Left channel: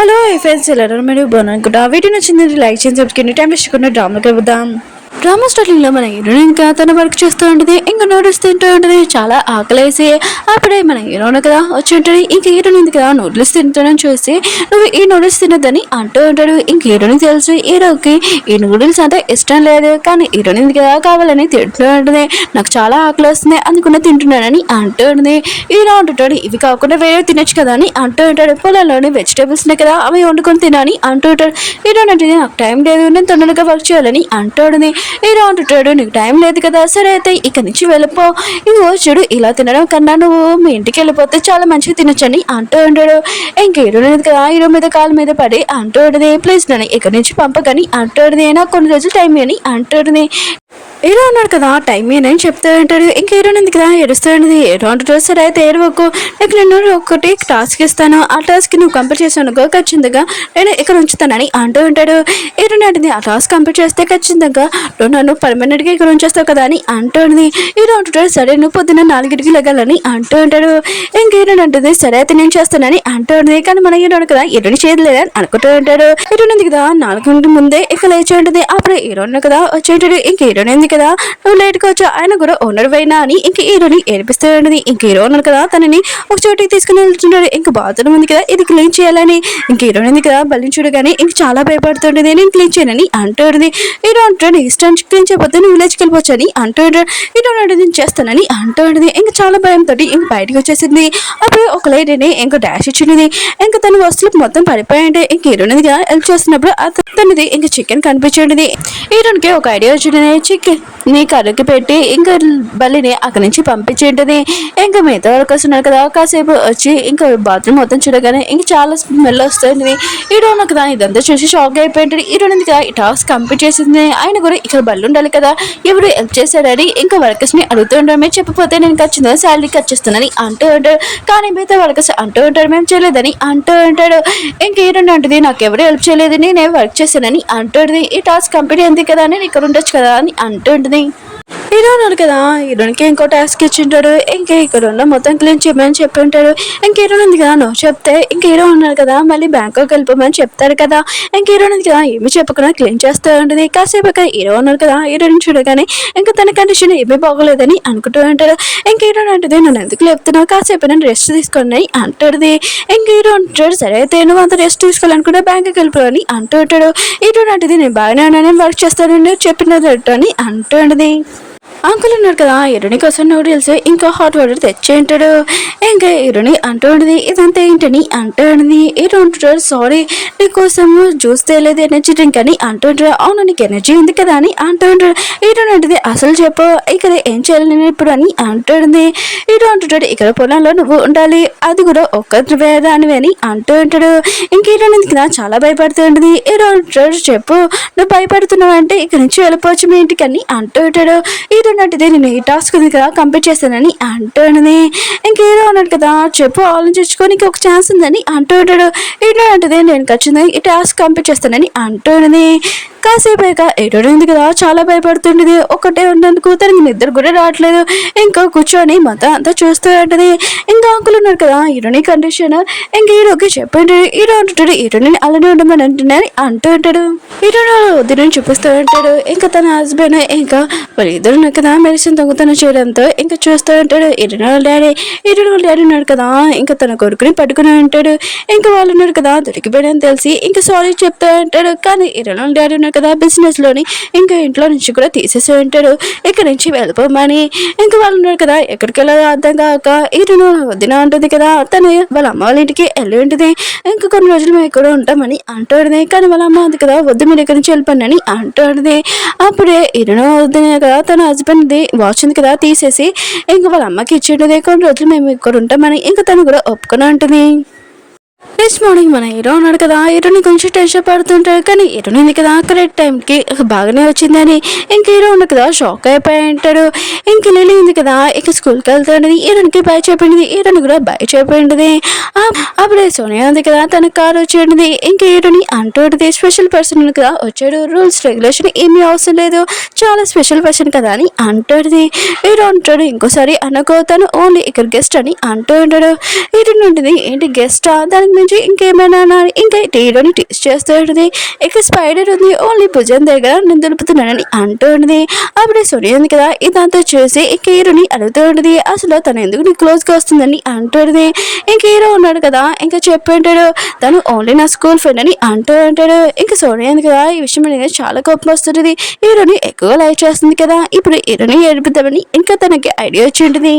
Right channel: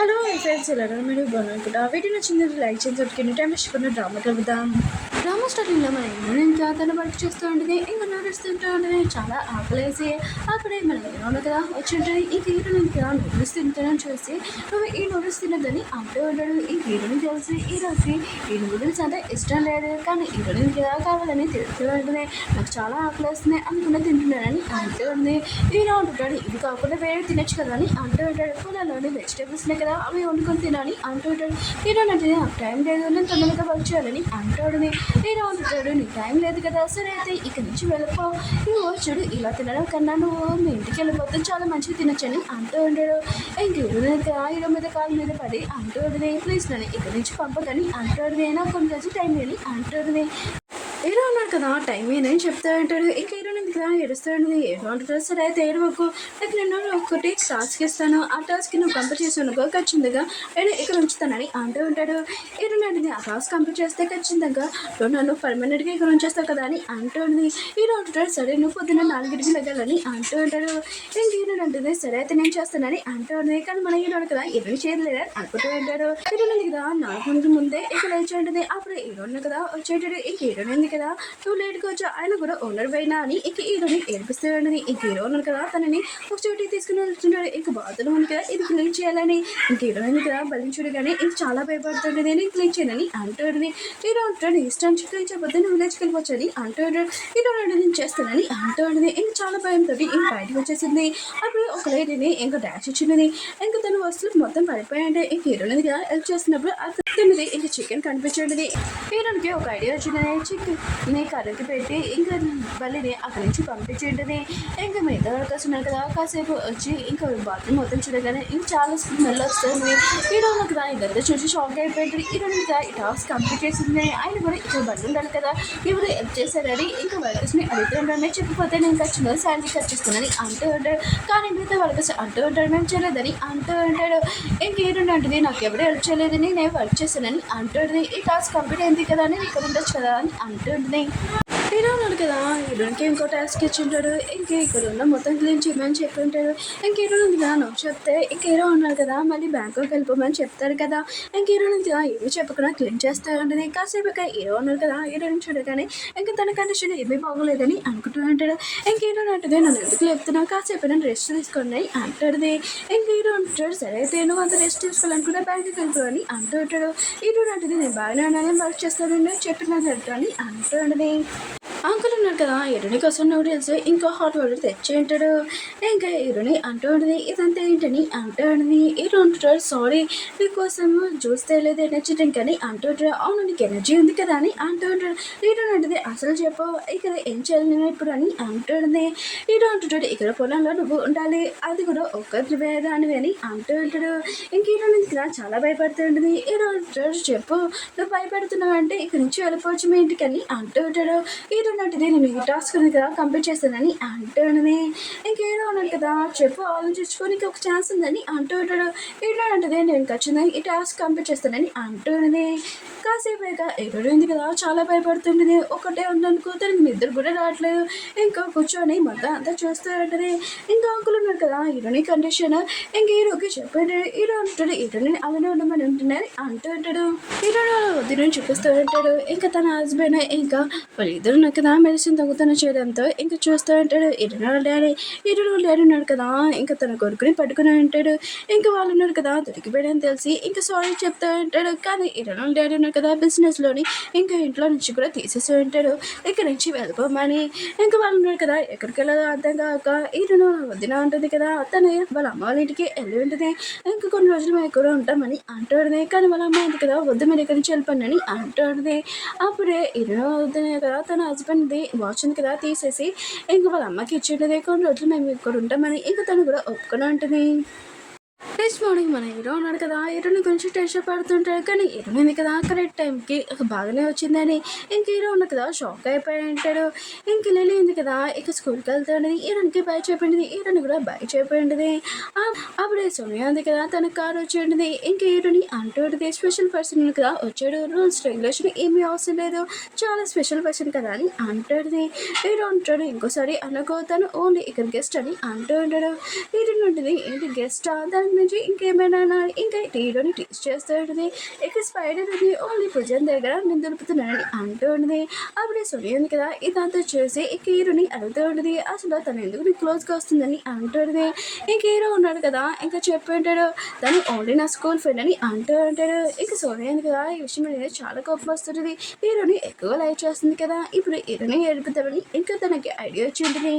Hello friends ఎలా మీరు బాగున్నాను వీడియో నచ్చింది లైక్ చేసి సబ్స్క్రైబ్ టైం వేసుకున్న డ్రామాకి వెళ్దాం. డ్రామా స్టార్టింగ్ లో మన హీరోయిన్ ఇంకా తన వర్క్ చేస్తూ ఉంటుంది, ఇంకా నూడిల్స్ తింటూ ఉంటుంది. చాలా ఆకలేసి అప్పుడే మన హీరోయిన్ కదా వచ్చి ఉంటుంది. ఇంక హీరోయిన్ ఉంది కదా నూడిల్స్ తింటానని చూసి నువ్వు ఈ నూడిల్స్ తినద్దని అంటూ ఉంటాడు. ఇంక హీరోయిన్ తెలుసు హీరోకి ఈ నూడిల్స్ అంతా ఇష్టం లేదు, కానీ హీరోయిన్ ఉంది కదా కావాలని తింటూ ఉంటుంది. నాకు చాలా ఆకలి వస్తుంది అందుకునే తింటున్నానని అంటూ ఉంటుంది. హీరో అంటుంటాడు ఇవి కాకుండా వేరే తినొచ్చు కదా అని అంటూ ఉంటాడు. పొలంలోని వెజిటేబుల్స్ కదా అవి వండుకొని తినని అంటూ ఉంటాడు. హీరోయిన్ అంటే నాకు టైం లేదు, నేను తొందరగా వర్క్ చేయాలని అంటూ ఉంటుంది. హీరో అంటుంటాడు నీకు టైం లేదు కదా, సరే అయితే ఇక్కడి నుంచి వెళ్ళిపో, ఇంకో చూడు ఇలా తినడం కన్నా నువ్వు మీ ఇంటికి వెళ్ళిపోతే చాలా మంచిగా తినొచ్చని అంటూ ఉంటాడు. ఇంక హీరో లేదు కదా హీరో మీద కాలు మీద పడి అంటూ ఉంటుంది ప్లీజ్ నన్ను ఇక్కడి నుంచి పంపకని అంటూ ఉంటుంది. నాకు కొన్ని రోజులు టైం అని అంటూ ఉంటుంది. హీరో ఉన్నాడు కదా టైం అని చెప్తూ ఉంటాడు. ఇంక హీరోయిన్ ఉంది కదా ఏడుస్తూ ఉంటుంది. హీరో అంటుంటాడు సరే అయితే ఏడవకు, నీకు నేను ఒకటి టాస్క్ ఇస్తాను, ఆ టాస్క్ నువ్వు కంప్లీట్ చేసానుకో ఖచ్చితంగా నేను ఇక్కడ ఉంచుతానని అంటూ ఉంటాడు. హీరోయిన్ అంటుంది ఆ టాస్క్ కంప్లీట్ చేస్తే ఖచ్చితంగా నువ్వు నన్ను పర్మనెంట్గా ఇక్కడ ఉంచేస్తావు కదా అని అంటూ ఉంది. హీరో అంటుంటాడు సరే నువ్వు పొద్దున్న 4కి లెగాలని అంటూ ఉంటాడు. ఇంక హీరోయిన్ అంటుంది సరే అయితే నేను చేస్తానని అంటూ ఉంటుంది. కానీ మన హీరోయిన్ కదా హీరోయిన్ చేయలేదని అనుకుంటూ ఉంటాడు. హీరోయిన్ ఉంది కదా 4 ముందే ఇక లేచి ఉంటుంది. అప్పుడు హీరోయిన్ కదా వచ్చేటాడు. ఇంక హీరోయిన్ కదా నువ్వు లేట్గా వచ్చా, ఆయన కూడా ఓనర్ అయినా అని ఇంక హీరోని ఏడిపిస్తూ ఉంటుంది. ఇంక హీరో ఉన్నారు కదా తనని ఒక చోటికి తీసుకుని వెళ్తుంటాడు. ఇంక బాత్రూమ్ ఉంది కదా ఇది క్లీన్ చేయాలని ఇంక హీరోయిన్ ఉంది కదా బల్లిని చూడగానే ఇంక చాలా భయపడుతుంటుంది. నేను క్లీన్ చేయనని అంటుంది. హీరో అంటాడు ఇష్టం క్లీన్ చేయకపోతే నువ్వు విలేజ్కి వెళ్ళిపోవచ్చు అని అంటాడు. హీరో అంటే నేను చేస్తానని అంటుంది. ఇంక చాలా భయంతో ఇంక బయటకు వచ్చేసింది. అప్పుడు ఒక లేడీని ఇంక డాష్ ఇచ్చింది. ఇంక తన వస్తువులు మొత్తం పడిపోయాయంటే ఇంక హీరోయిన్ హెల్ప్ చేస్తున్నప్పుడు తనది ఇంక చికెన్ కనిపించింది. హీరోయిన్కి ఒక ఐడియా వచ్చింది, చికెన్ నీ కర్రకి పెట్టి ఇంకా బల్లిని అక్కడి నుంచి పంపించేంటది. ఇంకా మిగతా వరకు వస్తున్నారు కదా కాసేపు వచ్చి ఇంకా బాత్రూమ్ మొత్తం చూడగానే ఇంక చాలా స్మెల్ వస్తుంది. హీరోయిన్ కదా ఇదంతా చూసి షాక్ అయిపోయింది. హీరోయిన్ కదా ఈ టాస్క్ కంప్లీట్ చేసింది, ఆయన కూడా ఇక్కడ బల్లి ఉండాలి కదా ఎవరు హెల్ప్ చేశారని ఇంకా వర్కర్స్ ని అడుగుతూ ఉంటారు. మేము చెప్పకపోతే నేను ఖచ్చితంగా శాలరీ కట్ చేస్తానని అంటూ ఉంటాడు. కానీ మిగతా వర్కర్స్ అంటూ ఉంటారు మేము చేయలేదని అంటూ ఉంటాడు. ఇంక హీరోయిన్ అంటుంది నాకు ఎవరు హెల్ప్ చేయలేదు నేనే వర్క్ చేశానని అంటుంది. ఈ టాస్క్ కంప్లీట్ అయింది కదా నేను ఇక్కడ ఉండొచ్చు కదా అని అంటుంది. హీరో ఉన్నారు కదా హీరోయిన్కి ఇంకో టాస్క్ ఇచ్చింటాడు. ఇంకా ఇక్కడ ఉన్న మొత్తం క్లీన్ చేయమని చెప్పి ఉంటాడు. ఇంక హీరోయిన్ ఉంది కదా నువ్వు చెప్తే ఇంక హీరో ఉన్నారు కదా మళ్ళీ బ్యాంకాక్ వెళ్ళిపోమని చెప్తాడు కదా. ఇంక హీరోయిన్ ఉంది కదా ఏమి చెప్పకుండా క్లీన్ చేస్తూ ఉంటుంది. కాసేపు హీరో ఉన్నారు కదా హీరోయిన్ చూడగానే ఇంకా తన కండిషన్ ఏమీ బాగోలేదని అనుకుంటూ ఉంటాడు. ఇంక హీరోయిన్ అంటుంది నన్ను ఎందుకు లేపుతున్నావు, కాసేపు నేను రెస్ట్ తీసుకుని అంటుంది. ఇంక హీరో అంటాడు సరే అయితే నువ్వు అంత రెస్ట్ తీసుకోవాలనుకుంటే బ్యాంకాక్ వెళ్ళిపోవని అంటూ ఉంటాడు. హీరోయిన్ అంటుంది నేను బాగానే ఉన్నాను వర్క్ చేస్తానని చెప్పినట్టు అని అంటుంది. అంకుల్ ఉన్నారు కదా హీరోని కోసం నూడిల్స్ ఇంకా హాట్ వాటర్ తెచ్చేంటాడు. ఇంకా హీరోని అంటూ ఉంటుంది ఇదంతా ఏంటని అంటూ ఉంటుంది. హీరో అంటుంటాడు సారీ నీకోసము జ్యూస్ తేలేదు ఎనర్జీ డ్రింక్ అని అంటుంటాడు. అవును నీకు ఎనర్జీ ఉంది కదా అని అంటూ ఉంటాడు. హీరో అంటుంది అసలు చెప్పు ఇక్కడ ఏం చేయాలి నేను ఇప్పుడు అని అంటుంది. హీరో అంటుంటాడు ఇక్కడ పొలంలో నువ్వు ఉండాలి, అది కూడా ఒక్క దానివి అని అంటూ ఉంటాడు. ఇంక హీరో కదా చాలా భయపడుతూ ఉంటుంది. హీరో అంటాడు చెప్పు నువ్వు భయపడుతున్నావు అంటే ఇక్కడ నుంచి వెళ్ళిపోవచ్చు మీ ఇంటికి అని అంటూ ఉంటాడు. హీరో అంటే నేను ఈ టాస్క్ ఉంది కదా కంప్లీట్ చేస్తానని అంటుంది. ఇంక హీరో అన్నాడు కదా చెప్పు ఆలోచించుకోనికి ఒక ఛాన్స్ ఉందని అంటూ ఉంటాడు. హీరో అంటే నేను ఖచ్చితంగా ఈ టాస్క్ కంప్లీట్ చేస్తానని అంటుంది. కాసేపు హీరో ఉంది కదా చాలా భయపడుతుండేది. ఒకటే ఉన్నందుకు తనకి నిద్ర కూడా రావట్లేదు. ఇంకా కూర్చొని మొత్తం అంతా చూస్తూ ఉంటుంది. ఇంకా అంకుల్ ఉన్నారు కదా హీరోని కండిషన్ ఇంక హీరోకి చెప్పండి. హీరో అంటుంటాడు హీరోని అలానే ఉండమని అంటున్నాను అంటూ ఉంటాడు. హీరో వద్దని చూపిస్తూ ఉంటాడు. ఇంకా తన హస్బెండ్ ఇంకా వాళ్ళిద్దరు కదా మెడిసిన్ దొంగతనం చేయడంతో ఇంకా చూస్తూ ఉంటాడు. హీరో డాడీ ఉన్నాడు కదా ఇంకా తన కొడుకుని పట్టుకుని ఉంటాడు. ఇంకా వాళ్ళు ఉన్నారు కదా దొరికిపోయాడని తెలిసి ఇంకా సారీ చెప్తూ ఉంటాడు. కానీ హీరో డాడీ ఉన్నారు కదా బిజినెస్ లోని ఇంకా ఇంట్లో నుంచి కూడా తీసేసి ఉంటాడు. ఇక్కడ నుంచి వెళ్ళిపోమని ఇంకా వాళ్ళు ఉన్నారు కదా ఎక్కడికి వెళ్ళాలో అర్థం కాక హీరోను వదిన ఉంటుంది కదా తను వాళ్ళ అమ్మ వాళ్ళ ఇంటికి వెళ్ళి ఉంటుంది. ఇంకా కొన్ని రోజులు మేము ఇక్కడ ఉంటామని అంటుంది. కానీ వాళ్ళ అమ్మ అది కదా వద్దు మీరు ఇక్కడి నుంచి వెళ్ళిపోండి అని అంటుంది. అప్పుడే హీరోను వదిన కదా తన హస్బెండ్ వాచ్ ఉంది కదా తీసేసి ఇంకా వాళ్ళ అమ్మకి ఇచ్చింటుంది. కొన్ని రోజులు మేము ఇక్కడ ఉంటామని ఇంకా తను కూడా ఒప్పుకొని ఉంటుంది. నెక్స్ట్ మార్నింగ్ మన హీరో ఉన్నాడు కదా హీరోని కొంచెం టెన్షన్ పడుతుంటాడు. కానీ హీరోని ఉంది కదా కరెక్ట్ టైంకి బాగానే వచ్చిందని ఇంక హీరో ఉంది కదా షాక్ అయిపోయి ఉంటాడు. ఇంక లిల్లీ ఉంది కదా ఇక స్కూల్కి వెళ్తాడని హీరోనికి బై చెప్పింది, హీరోని కూడా బై చెప్పింది. అప్పుడే సోనియా ఉంది కదా తన కారు వచ్చేది. ఇంక హీరోని అంటుంది స్పెషల్ పర్సన్ కదా వచ్చాడు, రూల్స్ రెగ్యులేషన్ ఏమీ అవసరం లేదు, చాలా స్పెషల్ పర్సన్ కదా అని అంటుంది. హీరో అంటాడు ఇంకోసారి అనుకో తను ఓన్లీ ఇక్కడ గెస్ట్ అని అంటూ ఉంటాడు. హీరోని ఉంటుంది ఏంటి గెస్టా దానికి నుంచి ఇంకేమైనా ఇంకా హీరోని టేస్ట్ చేస్తూ ఉంటుంది. ఇక స్పైడర్ ఉంది ఓన్లీ భుజం దగ్గర నేను దులుపుతున్నానని అంటూ ఉంటుంది. అప్పుడే సోనియా ఉంది కదా ఇదంతా చూసి ఇంక హీరోని అడుగుతూ ఉంటుంది అసలు తను ఎందుకు నీ క్లోజ్గా వస్తుందని అంటుంది. ఇంక హీరో ఉన్నాడు కదా ఇంకా చెప్పి ఉంటాడు తను ఓన్లీ నా స్కూల్ ఫ్రెండ్ అని అంటూ ఉంటాడు. ఇంకా సోనియా ఉంది కదా ఈ విషయం అనేది చాలా కోపం వస్తుంటుంది. హీరోని ఎక్కువ లైక్ చేస్తుంది కదా ఇప్పుడు హీరోని ఏడిపిద్దామని ఇంకా తనకి ఐడియా వచ్చి ఉంటుంది.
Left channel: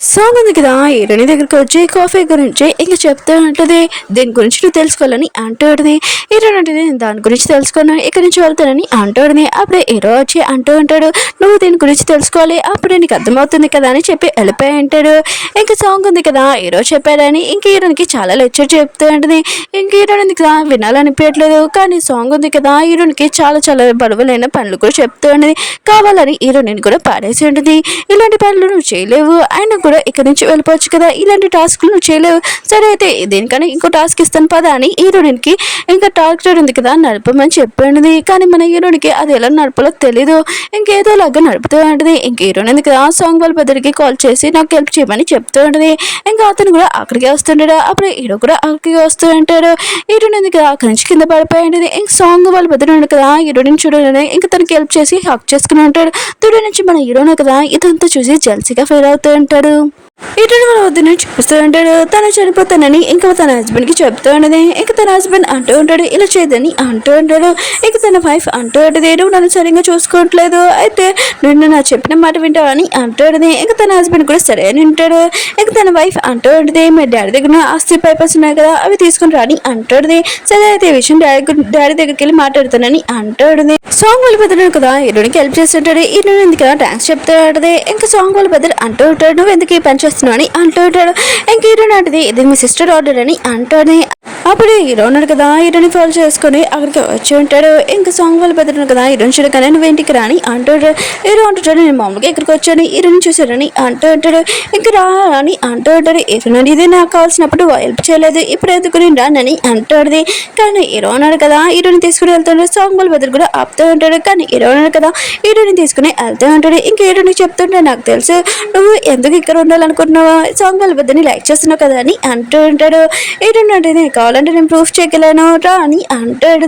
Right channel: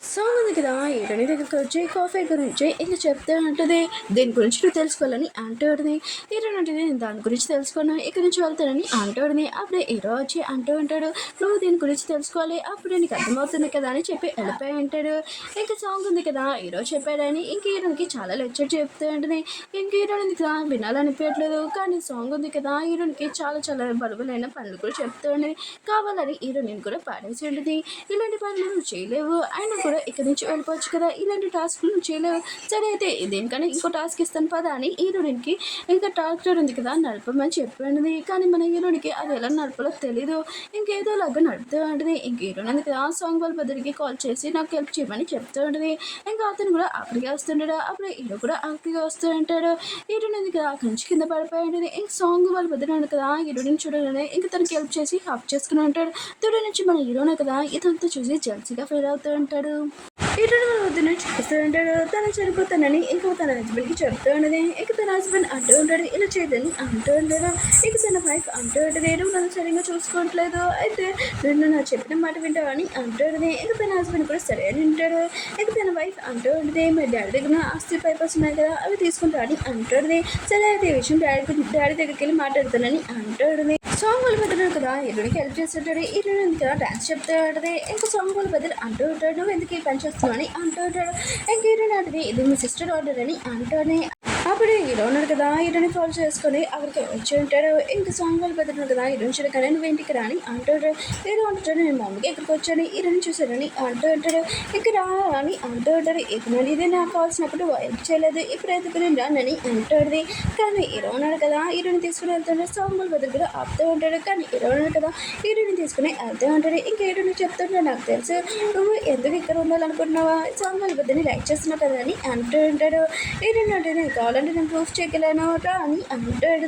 సాంగ్ ఉంది కదా హీరోని దగ్గరికి వచ్చి కాఫీ గురించి ఇంకా చెప్తూ ఉంటుంది దీని గురించి నువ్వు తెలుసుకోవాలని అంటూ ఉంటుంది. హీరోని అంటే నేను దాని గురించి తెలుసుకున్నాను ఇక్కడి నుంచి వెళ్తానని అంటూ ఉంటుంది. అప్పుడే హీరో వచ్చి అంటూ ఉంటాడు నువ్వు దీని గురించి తెలుసుకోవాలి అప్పుడే నీకు అర్థమవుతుంది కదా అని చెప్పి వెళ్ళిపోయి ఉంటాడు. ఇంకా సాంగ్ ఉంది కదా హీరో చెప్పాడని ఇంక హీరోనికి చాలా లెక్చర్ చెప్తూ ఉంటుంది. ఇంక హీరోని ఉంది కదా వినాలనిపించట్లేదు కానీ సాంగ్ ఉంది కదా హీరోనికి చాలా చాలా బరువులైన పనులు కూడా చెప్తూ ఉంటుంది. కావాలని హీరోని కూడా పాడేసి ఉంటుంది. ఇలాంటి పనులు నువ్వు చేయలేవు ఆయన కూడా ఇక్కడ నుంచి వెళ్ళిపోవచ్చు కదా ఇలాంటి టాస్క్లు నువ్వు చేయలేవు సరే అయితే దేనికన్నా ఇంకో టాస్క్ ఇస్తాను పదా అని హీరోయిన్కి ఇంకా ట్రాక్టర్ ఉంది కదా నడపమని చెప్పండి. కానీ మన హీరోయిన్కి అది ఎలా నడపాలో తెలీదు ఇంకేదో లాగా నడుపుతూ ఉంటుంది. ఇంక హీరోయిన్ ఉంది కదా సాంగ్ వాళ్ళ పెద్దరికి కాల్ చేసి నాకు హెల్ప్ చేయమని చెప్తూ ఉంటుంది. ఇంకా అతను కూడా అక్కడికి వస్తుంటాడు. అప్పుడు హీరో కూడా అక్కడికి వస్తూ ఉంటాడు. హీరోయిన్ ఉంది కదా అక్కడి నుంచి కింద పడిపోయి ఉంటుంది. ఇంక సాంగ్ వాళ్ళ పెద్దడు ఉంది కదా హీరోయిన్ చూడాలని ఇంకా తనకి హెల్ప్ చేసి హక్ చేసుకుని ఉంటాడు. తుడి నుంచి మన హీరోయిన్ కదా ఇదంతా చూసి జల్సీగా ఫీల్ అవుతూ ఉంటాడు. ఇటువంటి మన వద్దని చూపిస్తూ ఉంటాడు తను చనిపోతానని ఇంకా తన హస్బెండ్కి చెప్తూ ఉన్నది. ఇంకా తన హస్బెండ్ అంటూ ఉంటాడు ఇలా చేయదని అంటూ ఉంటాడు. ఇక తన వైఫ్ అంటూ ఉంటుంది నువ్వు నన్ను సరిగ్గా చూసుకోవట్లేదు అయితే నువ్వు నా చెప్పిన మాట వింటావని అంటూ ఉంటుంది. ఇంకా తన హస్బెండ్ కూడా సరే అని వింటాడు. ఇక తన వైఫ్ అంటూ ఉంటుంది మీ డాడీ దగ్గర ఆస్తి పేపర్స్ ఉన్నాయి కదా అవి తీసుకుని రాని అంటుంది. సరే అయితే ఈ విషయం డాడీ దగ్గరికి వెళ్ళి మాట్లాడుతానని అంటుంది. సాంగ్ వాళ్ళ పెద్దడు కదా హీరోనికి హెల్ప్ చేస్తుంటాడు. హీరోని ఎందుకు థ్యాంక్స్ చెప్తూ ఉంటుంది. ఇంకా సాంగ్ వాళ్ళ పెద్దడు అంటూ ఉంటాడు నువ్వు ఎందుకు ఈ పని చేస్తున్నావు అని అంటూ ఉంటాడు. ఇంక హీరోని అంటది ఇది మీ సిస్టర్ ఆర్డర్ అని అంటుంది. అప్పుడు హీరో ఉన్నాడు కదా హీరోని ఫాలో చేసుకుని అక్కడికి వచ్చి ఉంటాడు. ఇంకా సాంగ్ వాళ్ళు పెద్దడు కదా హీరోని చూడగానే నువ్వు ఇంటికి రాని అంటాడు. హీరో అంటుంటాడు నేను మామూలుగా ఇక్కడికి వచ్చాను హీరోని చూసాడని అంటూ ఉంటాడు. ఇంకా రా అని అంటూ ఉంటాడు. హీరోని ఇది నాకు కావాల్సినప్పుడు హెల్ప్ చేయలేదు ఇప్పుడు ఎందుకు నేను రానని అంటాడు. కానీ హీరో ఉన్నాడు కదా హీరోని తీసుకుని వెళ్తాడు. సాంగ్ వాళ్ళ పెద్దడు కూడా ఆపుతూ ఉంటాడు. కానీ హీరో ఉన్నాడు కదా హీరోని తీసుకుని వెళ్తూ ఉంటాడు. ఇంకా హీరోని చెప్తుంటే నాకు తెలుసు నువ్వు ఎందుకు ఇక్కడ ఉండాలనుకుంటున్నావా సాంగ్ వాళ్ళ పెద్దని లైక్ చేస్తున్నావు కదా అని అంటూ ఉంటాడు. హీరోని అంటే కావాలంటే నేను ప్రూఫ్ చేయగలను రా అని అంటాడు.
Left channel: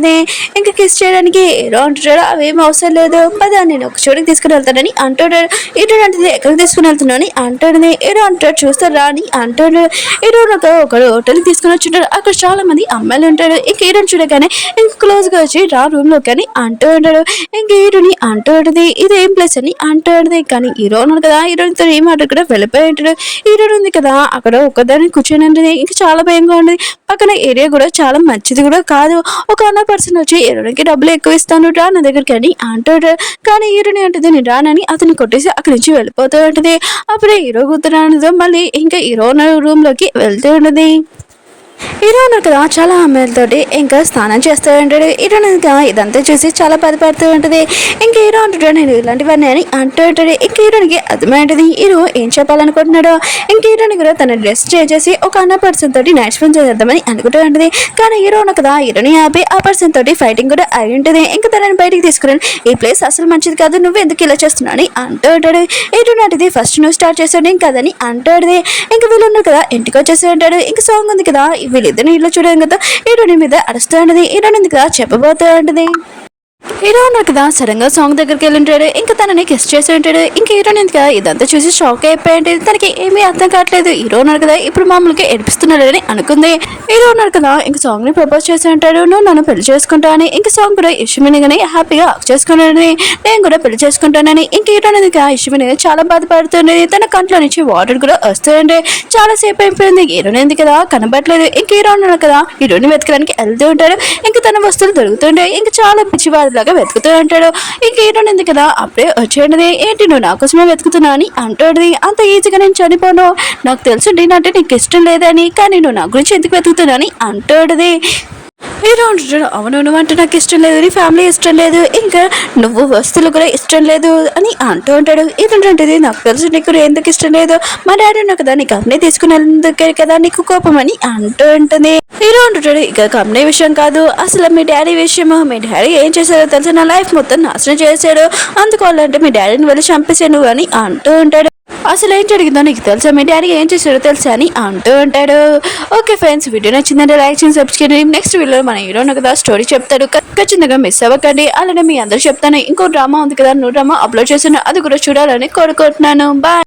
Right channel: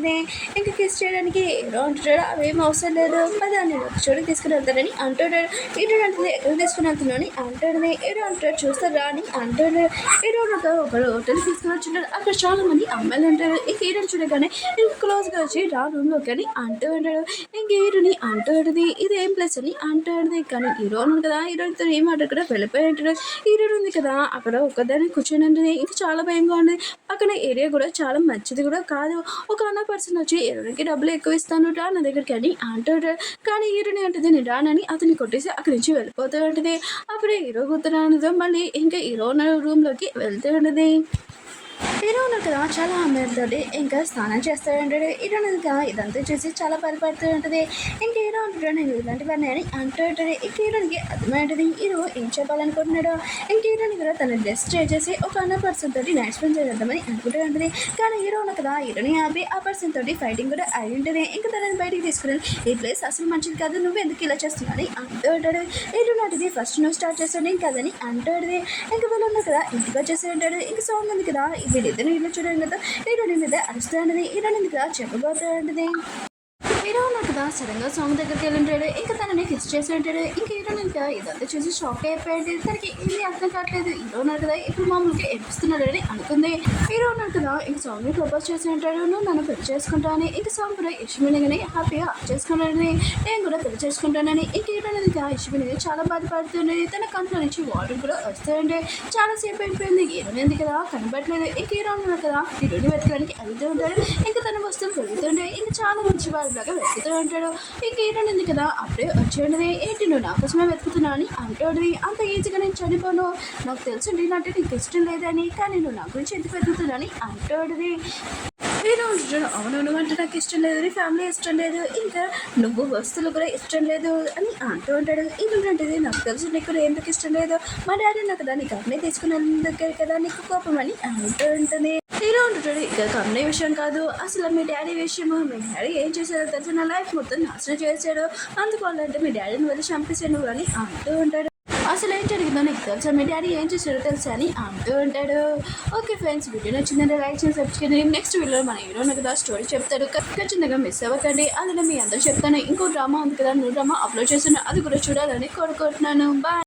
ఇంకా కిస్ చేయడానికి హీరో అంటాడు అవేం అవసరం లేదు పదా నేను ఒక చోటుకి తీసుకుని వెళ్తానని అంటాడు. హీరో అంటే ఎక్కడికి తీసుకుని వెళ్తున్నావు అని అంటాడు. హీరో అంటాడు చూస్తారు రా అని అంటాడు. హీరో ఒక హోటల్కి తీసుకుని వచ్చుంటాడు. అక్కడ చాలా మంది అమ్మాయిలు ఉంటాడు. ఇంక హీరోని చూడగానే ఇంకా క్లోజ్గా వచ్చి రా రూమ్ లోకి అని అంటూ ఉంటాడు. ఇంక హీరోని అంటూ ఉంటుంది ఇది ఏం ప్లేస్ అని అంటాడు. కానీ హీరో ఉన్నాడు కదా హీరోనితో ఏం మాట కూడా వెళ్ళిపోయి ఉంటాడు. హీరో ఉంది కదా అక్కడ ఒక్కదాన్ని కూర్చొని ఉంటుంది. ఇంకా చాలా భయంగా ఉంది. పక్కన ఏరియా కూడా చాలా మంచిది కూడా కాదు. ఒక అన్న పర్సన్ వచ్చి హీరోనికి డబ్బులు ఎక్కువ ఇస్తాను రా నా దగ్గరికి అని అంటాడు. కానీ హీరోని అంటుంది నేను రానని అతన్ని కొట్టేసి అక్కడి నుంచి వెళ్ళిపోతూ ఉంటుంది. అప్పుడే హీరో కూతురు మళ్ళీ ఇంకా హీరో రూమ్ లోకి వెళ్తూ ఉంటుంది. హీరో కదా చాలా అమ్మాయిలతోటి ఇంకా స్నానం చేస్తూ ఉంటాడు. హీరో ఇదంతా చూసి చాలా బాధపడుతూ ఉంటుంది. ఇంకా హీరో అంటాడు నేను ఇలాంటివన్నీ అని అంటూ ఉంటాడు. ఇంక హీరోనికి అర్థమైంటుంది హీరో ఏం చెప్పాలనుకుంటున్నాడో. ఇంక హీరోని కూడా తన డ్రెస్ చేంజ్ చేసి ఒక అన్న పర్సన్ తోటి నైట్ స్పెండ్ చేద్దామని అనుకుంటూ ఉంటుంది. కానీ హీరో కదా హీరోని ఆపి ఆ పర్సన్ తోటి ఫైటింగ్ కూడా అయి ఉంటుంది. ఇంకా తనని బయటికి తీసుకుని ఈ ప్లేస్ అసలు మంచిది కాదు నువ్వు ఎందుకు ఇలా చేస్తున్నావు అని అంటూ ఉంటాడు. హీరో నాటిది ఫస్ట్ నువ్వు స్టార్ట్ చేస్తాడు ఇంకదని అంటాడు. ఇంకా వీళ్ళు ఉన్నారు కదా ఇంటికి వచ్చేసి ఉంటాడు. ఇంకా సాంగ్ ఉంది కదా వీళ్ళిద్దరిని ఇల్లు చూడడం కదా హీరోని మీద అరుస్తూ ఉంటుంది. హీరోని కదా చెప్పబోతూ ఉంటుంది. హీరో ఉన్నాడు కదా సడన్ గా సాంగ్ దగ్గరికి వెళ్ళి ఉంటాడు. ఇంకా తనని కిస్ చేసి ఉంటాడు. ఇంకా హీరోని కదా ఇదంతా చూసి షాక్ అయిపోయి ఉంటుంది. తనకి ఏమీ అర్థం కావట్లేదు. హీరో ఉన్నాడు కదా ఇప్పుడు మామూలుగా ఏడిపిస్తున్నాడు అని అనుకుంది. హీరో ఉన్నాడు కదా ఇంకా సాంగ్ ని ప్రపోజ్ చేసి ఉంటాడు నువ్వు నన్ను పెళ్లి చేసుకుంటానని. ఇంకా సాంగ్ కూడా ఇష్టమని హ్యాపీగా హక్ చేసుకున్నాడని నేను కూడా పెళ్లి చేసుకుంటానని. ఇంక హీరో కదా ఇష్టమని చాలా బాధపడుతుంది. తన కంట్లో నుంచి వాటర్ కూడా వస్తుండే. చాలా సేపు అయిపోయింది. హీరోని కదా కనబడలేదు. ఇంక హీరో ఉన్నాడు కదా హీరోని వెతకడానికి వెళ్తూ ఉంటాడు. ఇంకా తన వస్తువులు దొరుకుతుండే. ఇంకా చాలా పిచ్చివాడు లాగా వెతుకుతూ ఉంటాడు. ఇంక హీరోని ఉంది కదా అప్పుడే వచ్చేయండి ఏంటి నువ్వు నా కోసమే వెతుకుతున్నా అని అంటాడు. అంత ఈజీగా నేను చనిపోను నాకు తెలుసు అంటే నీకు ఇష్టం లేదని కానీ నువ్వు నా గురించి ఎందుకు వెతుకుతున్నా అని అంటాడు. హీరో అంటాడు అవును నువ్వు అంటే నాకు ఇష్టం లేదు నీ ఫ్యామిలీ ఇష్టం లేదు ఇంకా నువ్వు వస్తువులు కూడా ఇష్టం లేదు అని అంటూ ఉంటాడు. ఏంటంటే నాకు తెలుసు నీకు ఎందుకు ఇష్టం లేదు మా డాడీ ఉన్నా కదా నీ కంపెనీ తీసుకునేందుకే కదా నీకు కోపం అని అంటూ ఉంటుంది. హీరో అంటుంటాడు ఇక కంపెనీ విషయం కాదు అసలు మీ డాడీ విషయమా మీ డాడీ ఏం చేశారో తెలుసు నా లైఫ్ మొత్తం నాశనం చేశాడు అందుకోవాలంటే మీ డాడీని వెళ్ళి చంపేసాను అని అంటూ ఉంటాడు. అసలు ఏం జరిగిందో నీకు తెలుసా, మీ డాడీ ఏం చేశాడో తెలుసా అని అంటూ ఉంటాడు. ఓకే ఫ్రెండ్స్, వీడియో నచ్చిందంటే లైక్ చేసి సబ్స్క్రైబ్ చేయండి. నెక్స్ట్ వీడియోలో మన హీరోను కదా స్టోరీ చెప్తాడు, ఖచ్చితంగా మిస్ అవ్వకండి. అలానే మీ అందరూ చెప్తాను, ఇంకో డ్రామా ఉంది కదా, నువ్వు డ్రామా అప్లోడ్ చేశాను, అది కూడా చూడాలని కోరుకుంటున్నాను. బాయ్.